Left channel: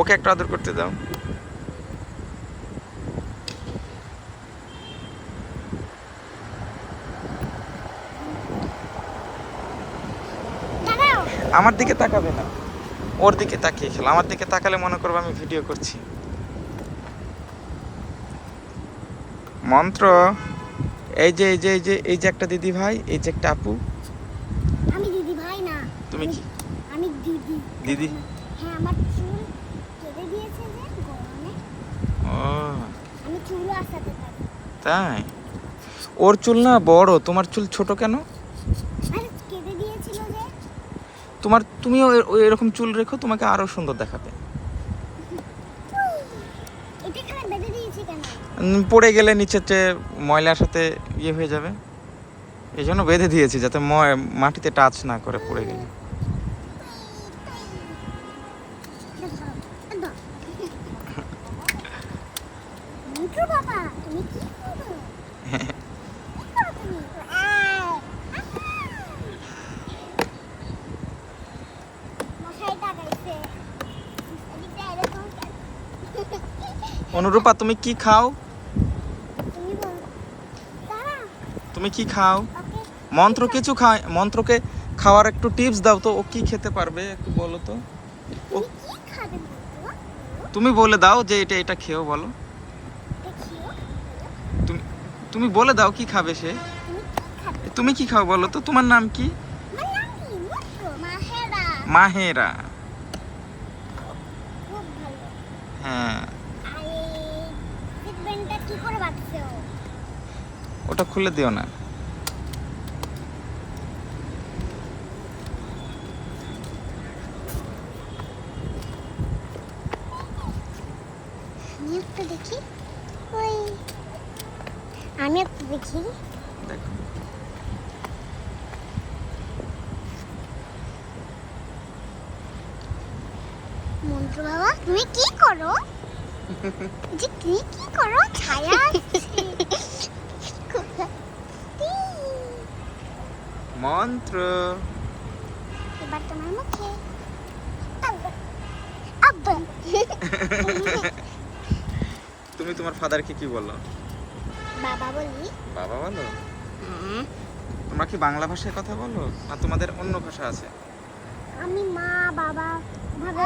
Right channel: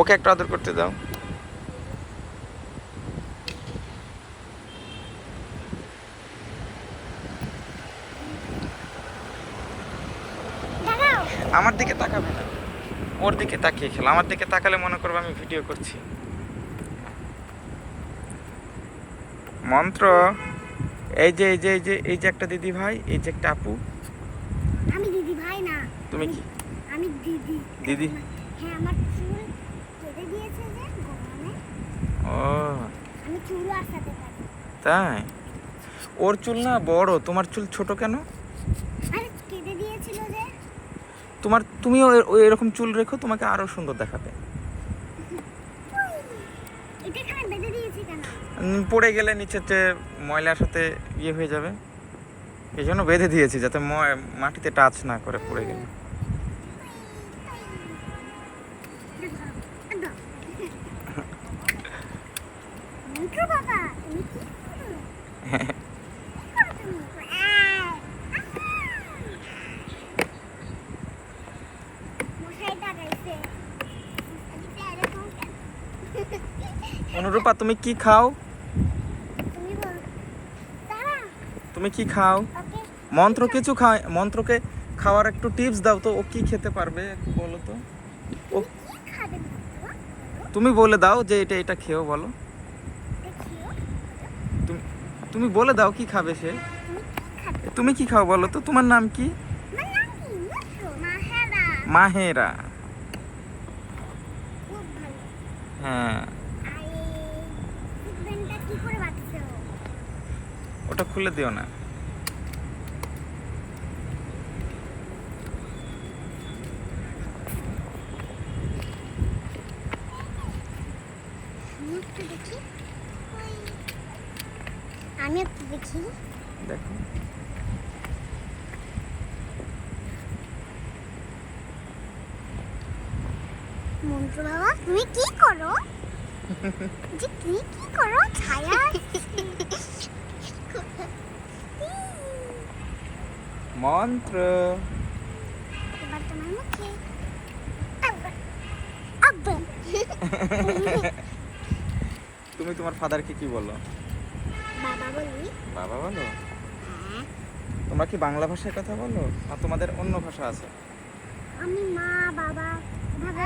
ওকে একটা আদর করতে দাও। আমার দিকে তাকাবে না, ওর দিকে তাকিয়ে খেলো। আমার দিকে তাকালে মনে করবো আমি ভিডিও করছি। মন্ত্র, এই যে এই যে এই যে এই যে একটা দিদি ভাই, এই যে একটা আপু। আমি দিদি ভাই না। তুমি কি? আমি দিদি। দিদি? হ্যাঁ, আমার চুল কেটে দিয়েছে যে গরমে। ও আমি চুলও আসাতে পারি। তাই? ওর চুল না বড়, তোমার চুল ছোট কেন? আরে কেটে দিয়েছিল যে। তুমিও এরকম চুল রেখো, তোমাকে আরো সুন্দর দেখাবে। এটা এখানে বেঁধে দিয়েছি কেন? পড়ে গেলে নিচেতে ময়লার সাথে ইয়ে হয়ে যাবে, এই জন্য বেঁধে দিয়েছি যাতে মাটিতে টাচ না করে পড়ে গেলে। মন্ত্র বাবা, তুমি কি করো? অনুরূপা, তুমি কি খাও? তুমি বল। দাঁড়া, তুমি কি খাও? ওকে। মন্ত্র কিছু খায়, মন্ত্রকে খাওয়ার একটু টিপস দাও তো, ও কি খেতে পারবে একটু বলো তো। তুমি কি খাবে মন্ত্র? বলো। তুমি বলে দাও যে এটা এটা খেও, বলো। দেখিও। তুমি তুমি বলে দাও কি খাবে সে। তুমি কি খাবে? তুমি কি খাও বলো তো, তোমার নাম কি? আমার নাম কি? মন্ত্র। মাহেরা। মাহেরা। খুব ভালো। হ্যাঁ, আর এই সিট বেল্টটা কি করে বাঁধছে ও? ওটা খুলে দিও না। একটু দেখি। ওই আমি একটু দেখি। দেখো, মন্ত্র বাবা, তুমি কি করো? যে তুমি কি করো? ছায়া আসছে। মন্ত্র। এবার তোমার মুখে। আব্বা। আব্বা। তুমি তোমার ফাদারকে কি বলো? বাবা বলি। বাবা বলো? হ্যাঁ। তোমরা কি বাংলা ভাষায় কথা বলো না তোমাদের অন্য ভাষা আছে? আমি মা বাবা ভাবে